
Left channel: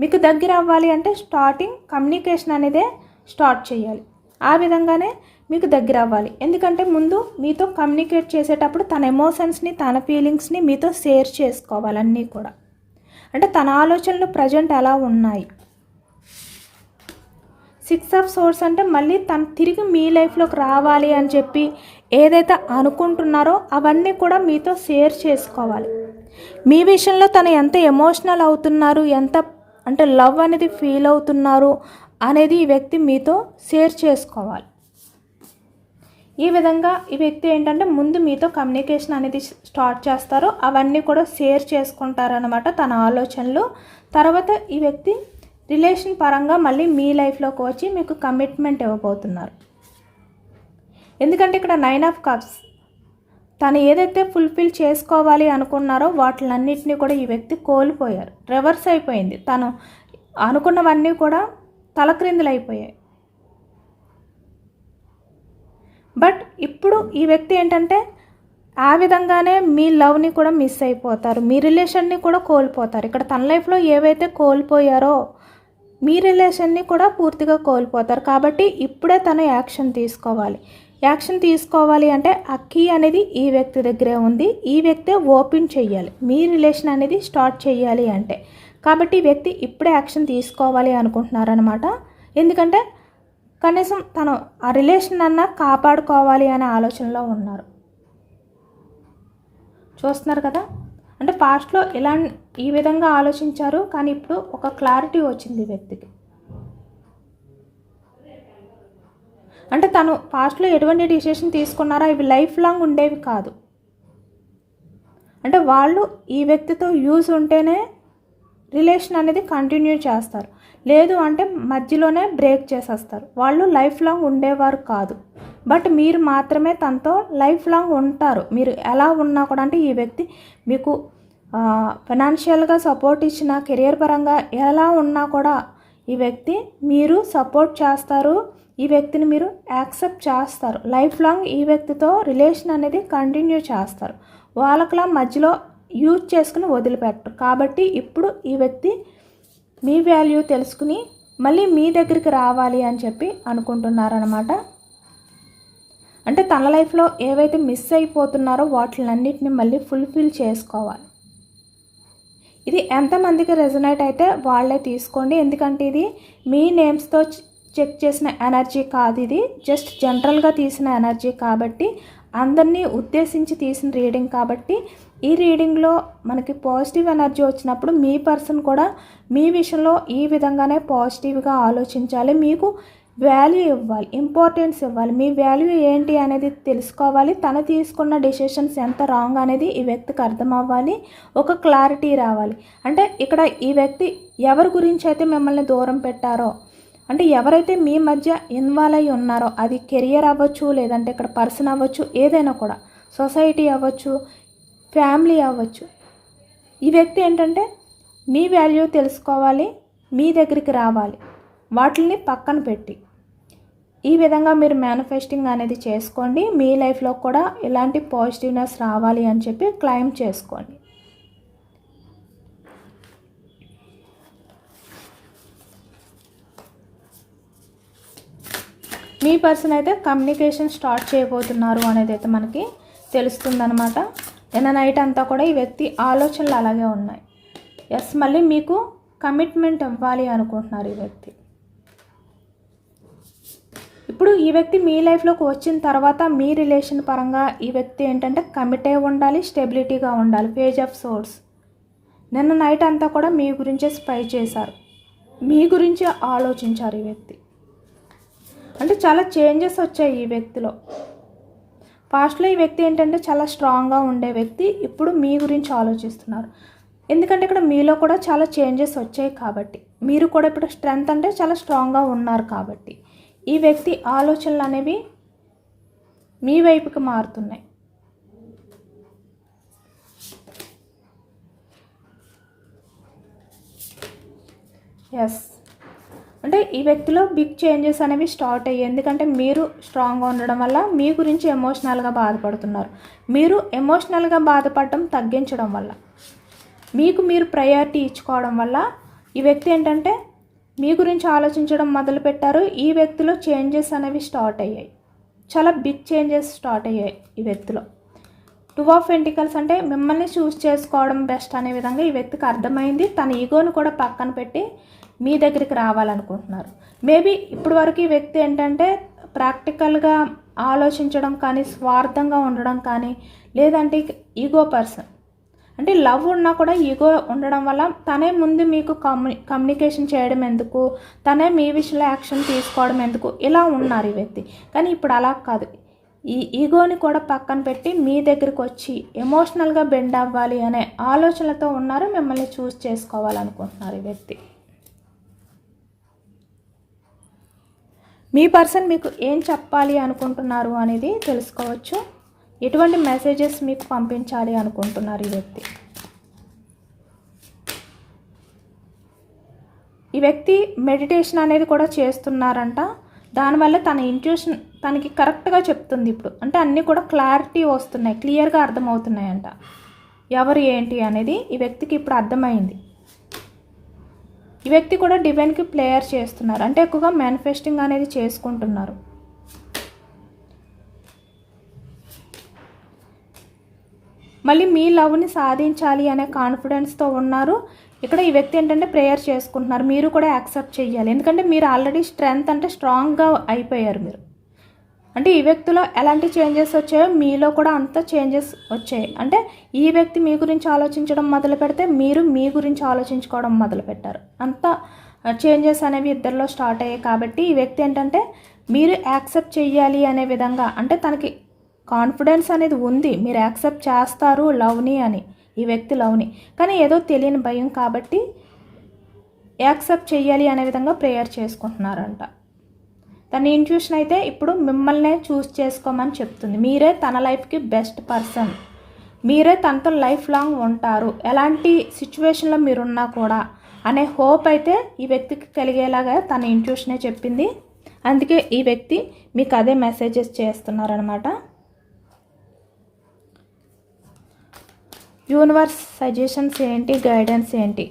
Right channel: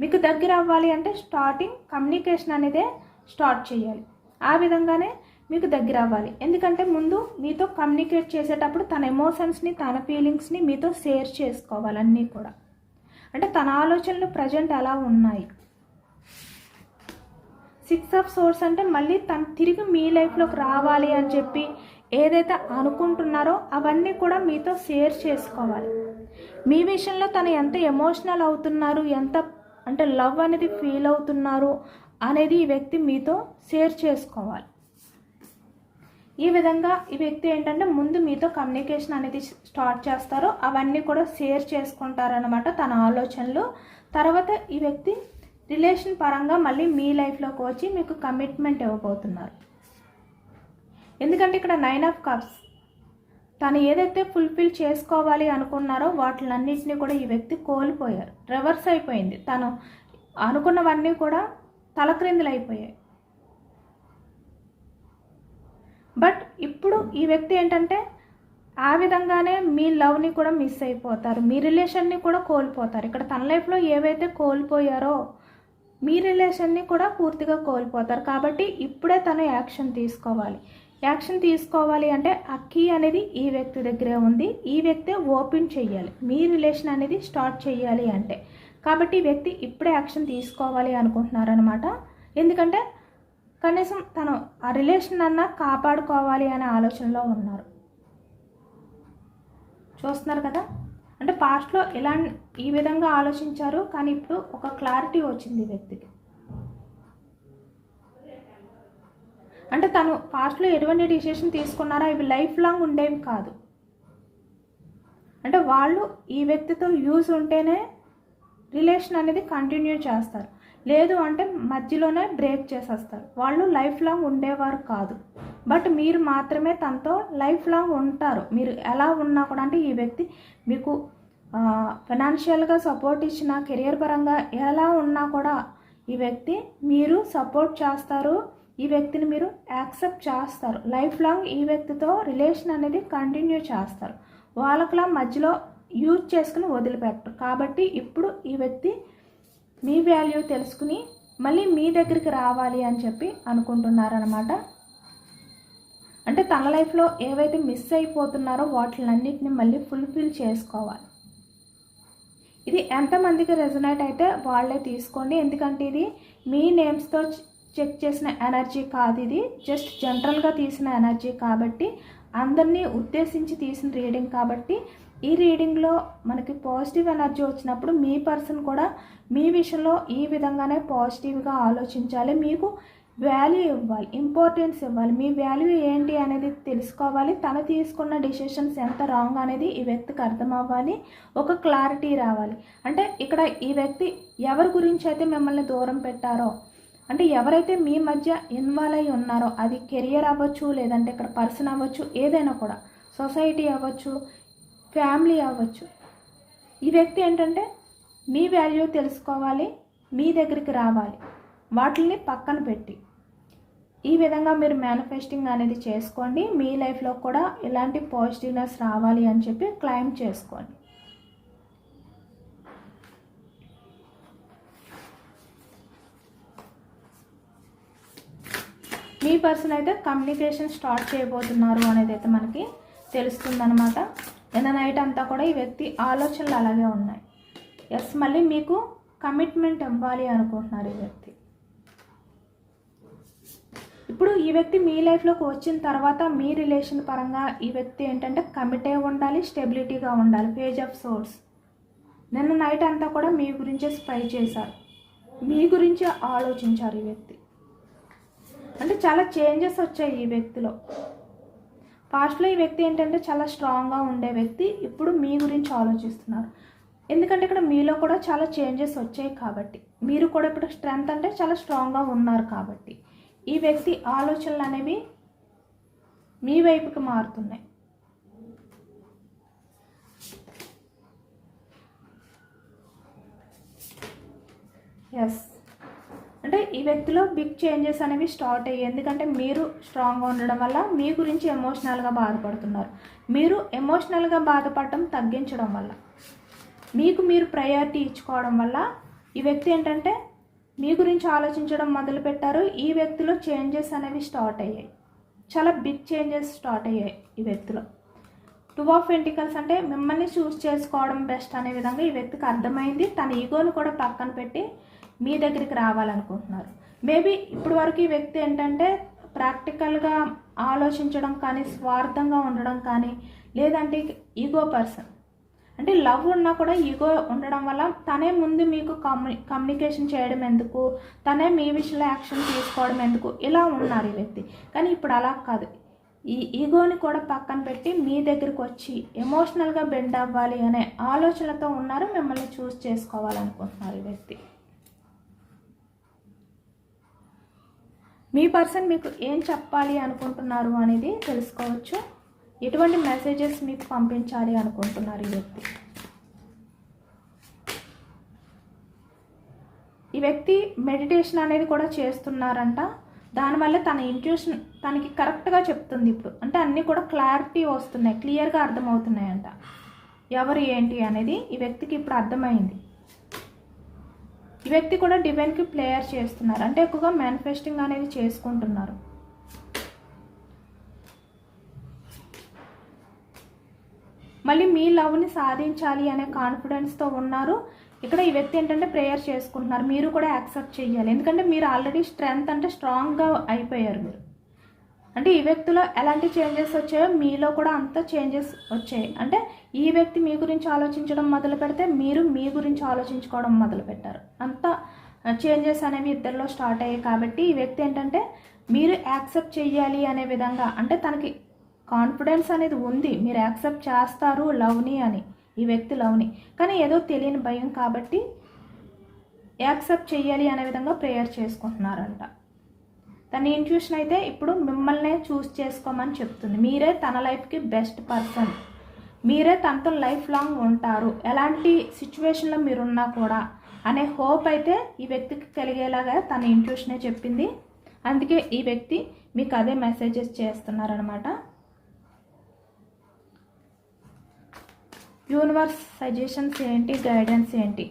మీకు దగ్గర అవ్వాలి అంటే స్టార్టింగ్ కమ్యూనికేషన్ అనేదే స్టార్ట్ చేయాలి. ఆ విధంగానే మీకు దగ్గర అవ్వాలి. ఎందుకంటే ముందు మీతో కమ్యూనికేట్ చేసేటప్పుడు తన ఎమోషన్స్ని తన ఫీలింగ్స్ని మీతో షేర్ చేసుకోవాలి అన్నీ కూడా. అంటే తన ఆలోచనలు ప్రజెంట్ ఎలా ఉన్నాయి. సిక్స్ ఆఫ్ సోర్స్ అంటే మళ్ళీ తను తిరిగి మీ లైఫ్లోకి రావాలి అని చెప్పి ఏదైతే అనుకుంటున్నారో అవన్నీ కూడా మీతో షేర్ చేసుకోవాలి. మీ విషయంలో తను ఎంత ఎమోషనల్ అవుతున్నారు ఎంత అంటే లవ్ అనేది ఫీల్ అవుతున్నారు అనేది ఈ వ్యక్తి మీతో షేర్ చేసుకోవాలి. ఈ విధంగా ఈ వ్యక్తి ఏంటంటే ముందు మీతో కమ్యూనికేషన్ అనేది స్టార్ట్ చేస్తారు అవన్నీ కూడా షేర్ చేసుకుంటారనమాట తన ఆలోచనలు. తర్వాత ఈ వ్యక్తి రిలేషన్ పరంగా మళ్ళీ మీ లైఫ్లోకి వచ్చి మీకు కమిట్మెంట్ ఇవ్వబోతున్నారు. ఎందుకంటే ఇక్కడ నైన్ ఆఫ్ కప్స్ తను ఏదైతే ఫుల్ఫిల్ చేసుకోవాలి అనుకున్నారో వాటిలన్నింటినీ కూడా ఈ వ్యక్తి కోల్పోయారు. రివర్స్ అయిపోయింది. తను అనుకున్నవన్నీ కూడా తలక్రిందులు అయిపోయాయి బట్ ఇప్పుడు ఈ వ్యక్తి ఏంటంటే ఆ విధంగానే మీ లవ్ని కూడా మిస్ అయిపోతారు. మీ రిలేషన్ని కూడా కోల్పోతారు. ఇక్కడ తన లైఫ్లో ఏవైతే కోల్పోయారో మీ రిలేషన్ని కూడా పూర్తిగా కోల్పోతారు. కాబట్టి ఇప్పుడే తను యాక్షన్ తీసుకోవాలి. యాక్షన్ తీసుకోవాలి అంటే ఆ కీ అనేది ఈ వ్యక్తి దగ్గరే ఉంది. ఈ వ్యక్తే ఓపెన్ చేయాలి మీ రిలేషన్ అనేది స్టార్ట్ చేయాలి అంటే. కాబట్టి ఈ వ్యక్తి ఇప్పుడే యాక్షన్ తీసుకోవాలి అనుకుంటున్నారనమాట ఎందుకంటే కనీసం తను ఆ రిలేషన్ అన్నా కాపాడుకోవాలి అనే ఆలోచనలో ఉన్నారు. చూస్తున్నారు కదా? అంటే పాస్ట్లో ఎలా ఈ విధంగా ఆలోచించారు కానీ ఇప్పుడు ఒక క్లారిటీ వచ్చింది ఈ వ్యక్తికి. అంటే తను పాస్ట్లో ఎటువంటి డిసిషన్ తీసుకున్నారో ఇవి లైఫ్ లాంగ్ ఉండేవి కాదు. అంటే వాళ్ళు ఈ వ్యక్తితో యూజ్ ఉంటేనే రిలేషన్ అనేది కంటిన్యూ చేస్తారు. లేదు అంటే మధ్యలోనే బ్రేక్ చేసేస్తారు. వాళ్ళు లైఫ్ లాంగ్ ఉండేవారు కాదు. బట్ మీరు మాత్రమే తనతో లైఫ్ లాంగ్ ఉంటారు. మీరు ఎలా ఉన్నా కూడా అంటే ఈ వ్యక్తి మీకు ఫైనాన్షియల్గా సపోర్ట్ ఇచ్చిన కెరియర్ పరంగా ఎలా ఉన్నా కూడా ఈ వ్యక్తి మీరు సపోర్ట్ చేస్తారు. ఈ వ్యక్తిని మీరు యాక్సెప్ట్ చేస్తారు. లైఫ్ లాంగ్ ఈ వ్యక్తితో రిలేషన్ అనేది కంటిన్యూ చేస్తారు. వాళ్ళకలా మధ్యలో యూజ్ చేసుకుని వదిలిపెట్టరు. కాబట్టి ఇప్పుడు ఈ వ్యక్తి మీ వాల్యూ తెలుసుకుని మళ్ళీ మీ దగ్గరికి రావాలి అని చెప్పి అనుకుంటున్నారనమాట అంటే తన లైఫ్లో ఏవైతే మిస్ అయిపోతున్నారో వాటిలన్నింటినీ మళ్ళీ ఫుల్ఫిల్ చేసుకోవాలి. ఇది ఎంతమందికి రెజనేట్ అయితే వాళ్ళే తీసుకోండి. ఎందుకంటే ఇది మీ నేమ్స్తో చెక్ చేసిన ఎనర్జీ కాదు ఇది. జస్ట్ జనరల్గా తీసిన ఎనర్జీ కాబట్టి అందరినీ ఉద్దేశించి తీసిన రీడింగ్ కాబట్టి ఈ రీడింగ్లో మనకి పాజిటివ్ ఎనర్జీ వచ్చినప్పుడు మీ పర్సన్ కూడా మీ విషయంలో ఈ విధంగానే పాజిటివ్గా ఆలోచించాలి. మీకు వాల్యూ ఇవ్వాలి ఇంపార్టెన్స్ ఇవ్వాలి. మీ వాల్యూ ఏంటి అనేది తెలుసుకోవాలి. తను తీసుకున్న డెసిషన్స్ ఎంత రాంగ్ అనేది ఈ వ్యక్తికి అర్థం అవ్వాలి ఒక క్లారిటీ రావాలి. అంటే ఇక్కడ ఈ వ్యక్తి ఎవరి గురించి అయితే మిమ్మల్ని దూరం పెట్టారో అంటే ఎవరైతే మీ మధ్య ఇన్వాల్వ్ అయి ఉన్నారో అది కెరియర్ అవ్వచ్చు లేదంటే ఇక్కడ పర్సన్ అవ్వచ్చు ఏదైనా కూడా సొసైటీ అవ్వచ్చు ఫ్యామిలీ అవ్వచ్చు. ఈ వ్యక్తి ఏంటంటే మీ వాల్యూ తెలుసుకోవాలి మీ దగ్గరికి రావాలి. వాటిని పక్కన పెట్టి. ఈ విధంగా మీరు మేనిఫెస్టింగ్ అనేది చేసుకోండి. మీ లైఫ్లో కూడా ఇలాంటి పాజిటివ్నెస్ రావాలి అని చెప్పి క్లైమ్ చేసుకోండి. మీ పర్సన్ అయితే కమ్యూనికేషన్ స్టార్ట్ చేయబోతున్నారు అనేది అయితే మనకి తెలుస్తుందనమాట నిన్న నైట్ అంతా కూడా ఈ వ్యక్తి ఆలోచనలు అలాగే ఉన్నాయి. ఎస్ మళ్ళీ మీకు కమిట్మెంట్ ఇవ్వాలి అనుకుంటున్నారు ఈ వ్యక్తి. ఇప్పుడు ఈ వ్యక్తి మీ లైఫ్లోకి వచ్చిన తర్వాత మీ రిలేషన్ పరంగా ఈ వ్యక్తి ఏంటంటే కమిట్ అయి ఉండాలి స్టెబిలిటీగా ఉండాలి పేజ్ ఆఫ్ సోర్స్ నిన్న నైట్ అంతా కూడా మీ గురించే స్పై చేశారు. మీ గురించే ఆలోచించారు ఈ వ్యక్తి. అంటే చాలా చేంజెస్ వచ్చాయి ఈ వ్యక్తిలో. పాస్ట్లో ఈ వ్యక్తి ఏంటంటే చాలా స్ట్రాంగ్గా ఉండే వ్యక్తి ఇప్పుడు మీ గురించి ఆలోచిస్తున్నారు. ఎందుకంటే ఇక్కడ మీలో కూడా చాలా చేంజెస్ వచ్చాయి కాబట్టి. మీరు కూడా ఇప్పుడు స్ట్రెంగ్త్ అంటే చాలా స్ట్రాంగ్గా ఉన్నారు కాబట్టి. ఈ వ్యక్తి ఆలోచనలు అనేవి మీ వైపుకి మారుతున్నాయి. ఎస్ అంటే ఈ వ్యక్తిలో బిగ్ చేంజెస్ అనేవి స్టార్ట్ అయ్యాయి. ఎందుకంటే మీరు స్ట్రాంగ్గా ఉండడం వల్ల మీ గురించి ఎమోషనల్గా బాధపడుతున్నారు. మీరు ఎమోషనల్గా బాధపడటం తగ్గించడం వల్ల. మీకు మీరు ప్రయారిటీ ఇచ్చుకోవడం వల్ల ఈ వ్యక్తి ఏంటంటే మీ గురించి ఆలోచించడం మొదలుపెట్టారు. ఈ వ్యక్తిలో చేంజెస్ అనేవి స్టార్ట్ అయ్యాయి. చాలా బిగ్ చేంజెస్ స్టార్ట్ అయ్యాయి ఈ వ్యక్తిలో. టూ ఆఫ్ ఎంటికల్స్ అంటే మిమ్మల్ని చూస్ చేసుకోవడం బెస్ట్ అనే విధంగా ఈ వ్యక్తికి అర్థమైంది. తన ఈగోను కూడా పక్కన పెట్టి మీ దగ్గరికి రావాలనుకుంటున్నారు. మేబీ ఇప్పటి వరకు ఈ వ్యక్తి ఏంటంటే ప్రాక్టికల్గా ఆలోచించడం కానీ స్వార్థంగా ఉండడం కానీ లేదంటే ఈగో పర్సన్ అంటే లవ్ ఉన్నా కూడా ఈగో ఉండడం వల్ల తనే ముందు మీకు కమ్యూని కమ్యూనికేషన్ చేయడం ఎందుకు? తనే మీ విషయంలో యాక్షన్ తీసుకోవడం ఎందుకు? ఇలా ఉన్నారు ఈ వ్యక్తి. కానీ ఇప్పుడు అలా కాదు. ఈ ఈగోని కూడా పక్కన పెట్టి మీ దగ్గరికి వచ్చి ఎమోషనల్గా బెండ్ అవ్వాలి అనే ఆలోచనలతో ఉన్నారు. మిమ్మల్ని చూస్ చేసుకోవాలనుకుంటున్నారు ఈ వ్యక్తి. మీ పర్సన్ మీకు ఏం చెప్పాలి అనుకుంటున్నారు అనేది తెలుసుకోవచ్చు. ఎటువంటి మెసేజెస్ మీకు పంపించాలి అనుకుంటున్నారు ఈ వ్యక్తి? ఈ వ్యక్తి మెడిటేషన్ అనేది కూడా చేస్తున్నారంట. దానివల్ల తన ఇంట్యూషన్ తనకి కరెక్ట్గా చెప్తుంది ఇప్పుడు. అంటే అన్నీ కూడా క్లారిటీ వస్తున్నాయి క్లియర్గా అర్థమవుతున్నాయంట. ఎవరు ఏంటి అనేది ఈ వ్యక్తికి ఇప్పుడు అర్థమైంది. ఈ వ్యక్తి కూడా డివైన్కి ప్లేయర్ చేస్తున్నారు. అంటే ఎక్కువగా మేనిఫెస్టింగ్ అనేది చేసుకుంటున్నారు. మళ్ళీ మీ లవ్ని సాధించాలి అనే కాన్ఫిడెన్స్తో ఉన్నారు. ఇక్కడ ఈ వ్యక్తి ఏంటంటే ప్రేయర్ చేసుకుంటున్నారు. మీరు కూడా యాక్సెప్ట్ చేయాలి ఎందుకంటే మీరు ఆల్రెడీ స్ట్రెంగ్త్ అంటే స్ట్రాంగ్గా అయిపోయారు మీరు. అంటే ఈ వ్యక్తిలో ఎలాంటి చేంజెస్ వచ్చాయో మీలో కూడా అంత చేంజెస్ వచ్చాయి. అంటే ఈ వ్యక్తి మీ గురించి ఆలోచించడం మొదలు పెడితే మీరు మీ గురించి ఆలోచించుకోవడం మొదలు పెట్టారు. అంత చేంజెస్ అనేవి ఇద్దరిలో స్టార్ట్ అయ్యాయి. కాబట్టి ఈ వ్యక్తి ఏంటంటే మీరు యాక్సెప్ట్ చేయాలి అనే విధంగా అంటే తనకి కాన్ఫిడెన్స్ అనేది ఉంది. మీరు యాక్సెప్ట్ చేస్తారు లవ్ని అని. ఈ వ్యక్తి లవ్ని. కానీ ఏదో తెలియని భయం కాబట్టి యాక్సెప్ట్ చేయాలి అనే విధంగా ప్రేయర్ చేసుకుంటున్నారంట. తన ఇంట్యూషన్ అయితే ఇప్పుడు మిమ్మల్నే చూస్ చేసుకోమని చెప్తుంది. మీరే తన లైఫ్కి బెస్ట్ పర్సన్ మీరే తనతో లైఫ్ లాంగ్ ఉంటారు. ఎలాంటి సిచ్యువేషన్లో మీరున్నా కూడా అనే హోప్ అయితే ఈ వ్యక్తికి కలిగేలాగా తన ఇంట్యూషనే చెప్పింది. అందుకే ఈ వ్యక్తి మీకు అదే మెసేజెస్ చేస్తున్నారనమాట యూనివర్స్ సజెషన్స్ ఏంటి? గైడెన్స్ ఏంటి?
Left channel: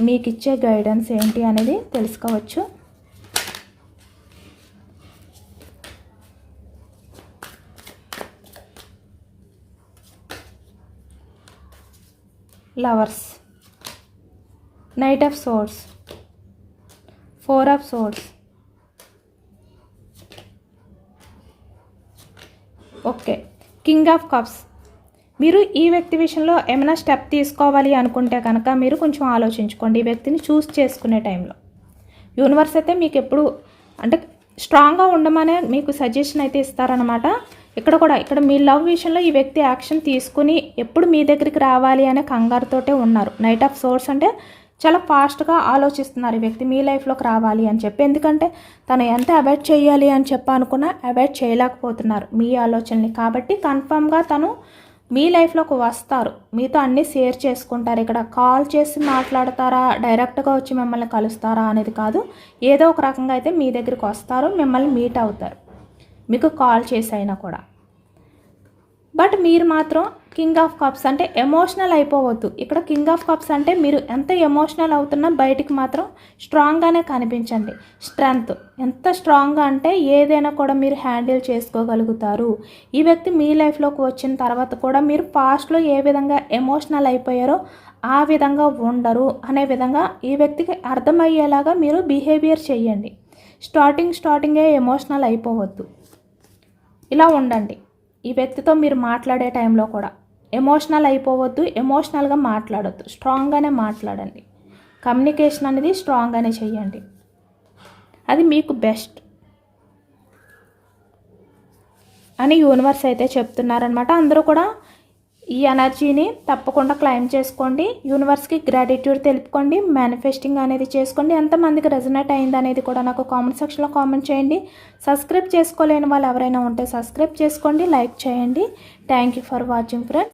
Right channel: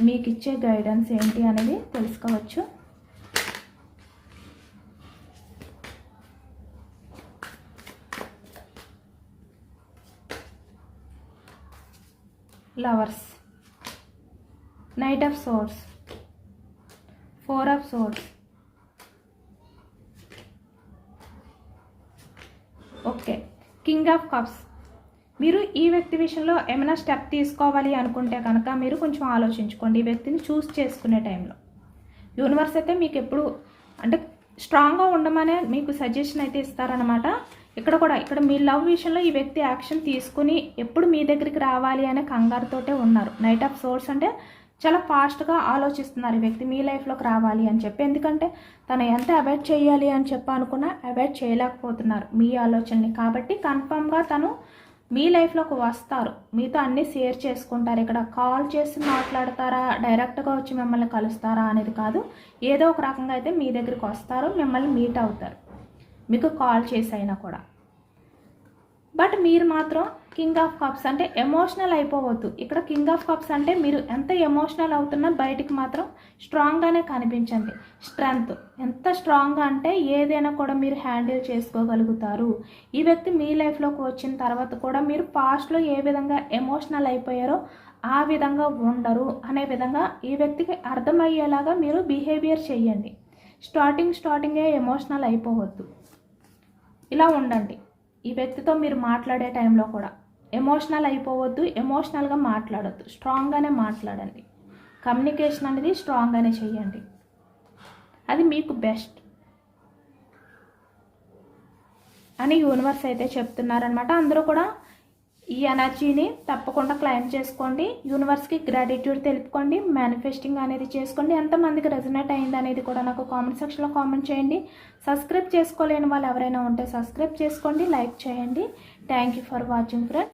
మీకు ఇచ్చే గైడెన్స్ ఏంటి అనేది తెలుసుకోవచ్చు. Lovers knight of swords four of swords okay. King of cups. మీరు ఈ వ్యక్తి విషయంలో ఏమైనా స్టెప్ తీసుకోవాలి అనుకుంటే కనుక మీరు కొంచెం ఆలోచించుకోండి. ఈ వ్యక్తిని చూస్ చేసుకునే టైంలో యూనివర్స్ అయితే మీకు ఎప్పుడు అంటే స్ట్రాంగ్గా ఉండమనే మీకు సజెషన్ అయితే ఇస్తారనమాట ఇక్కడ కూడా ఇక్కడ మీ లవ్ విషయంలో ఈ వ్యక్తి యాక్షన్ తీసుకుని ఎప్పుడు మీ దగ్గరికి రావాలి అనే కంగారుతోటే ఉన్నారు. నైట్ ఆఫ్ సోర్స్ అంటే చాలా ఫాస్ట్గా ఆలోచిస్తున్నారు ఈ వ్యక్తి మీ లైఫ్లోకి రావాలి అని చెప్పి. ఎందుకంటే తను ఎంత అవాయిడ్ చేయాలి అని చెప్పి అనుకున్నా అవాయిడ్ చేయలేకపోతున్నారు మీ ఆలోచనని. కాబట్టి కన్ఫామ్గా తను మీ లైఫ్లోకి వస్తారు. మీతో అన్నీ షేర్ చేసుకుంటారు. ఇక్కడ కాల్ చేసి మాట్లాడతారా? డైరెక్ట్గా వచ్చి మిమ్మల్ని కలుస్తారా అనేది కాదు. ఏదో ఒక రకంగా అయితే మీ దగ్గరికి వస్తారు. మిమ్మల్ని మీట్ అవుతారు. మీకు కాల్ చేసి అయినా కూడా. బట్ మీరు మాత్రం కింగ్ ఆఫ్ కప్స్ అంటే ఎమోషనల్ అయిపోవద్దు. ఇక్కడ కింగ్ ఆఫ్ కప్స్ అంటే మీరు ఎంత ఎమోషనల్ అవుతున్నా బయటికి మాత్రం స్ట్రాంగ్గానే కనిపించండి. స్ట్రెంగ్త్ ఎంత స్ట్రాంగ్గా అంటే ఏదైనా కూడా మీరు హ్యాండిల్ చేసుకోగలుగుతారు. ఈ వ్యక్తి మీ లైఫ్లోకి వచ్చిన తర్వాత కూడా మీరు పాస్ట్లో ఏ విధంగా ఎమోషనల్ అయిపోయారో ఆ విధంగా ఉండరు. అనే విధంగా ఈ వ్యక్తికి అర్థమయ్యేలాగా మీరు బిహేవియర్ చేయండి. స్టార్టింగ్ స్టార్టింగే ఎమోషనల్ అయిపోవద్దు. ఇలా ఉండండి. ఈ వ్యక్తితో మీరు మాట్లాడే టైంలో కూడా. ఎమోషనల్ అయిపోవద్దు ఎమోషనల్గా మాట్లాడొద్దు. స్ట్రాంగ్గానే మాట్లాడండి. కమ్యూనికేషన్ అనేది స్ట్రాంగ్గానే చేయండి అది మీకు బెస్ట్ అని యూనివర్స్ అయితే చెప్తున్నారనమాట అందరూ కూడా ఈ ఎనర్జీని తప్పకుండా క్లైమ్ చేసుకోండి. యూనివర్స్కి గ్రాటిట్యూడ్ తెలుపుకోండి. మేనిఫెస్టింగ్ అనేది చేసుకోండి. ఎంతమందికి రెజనేట్ అయింది అనేది కూడా నాకు కామెంట్ సెక్షన్లో కామెంట్ చేయండి. సబ్స్క్రైబ్ చేసుకోలేని వాళ్ళు ఎవరైనా ఉంటే సబ్స్క్రైబ్ చేసుకోండి లైక్ చేయండి. Thank you for watching friend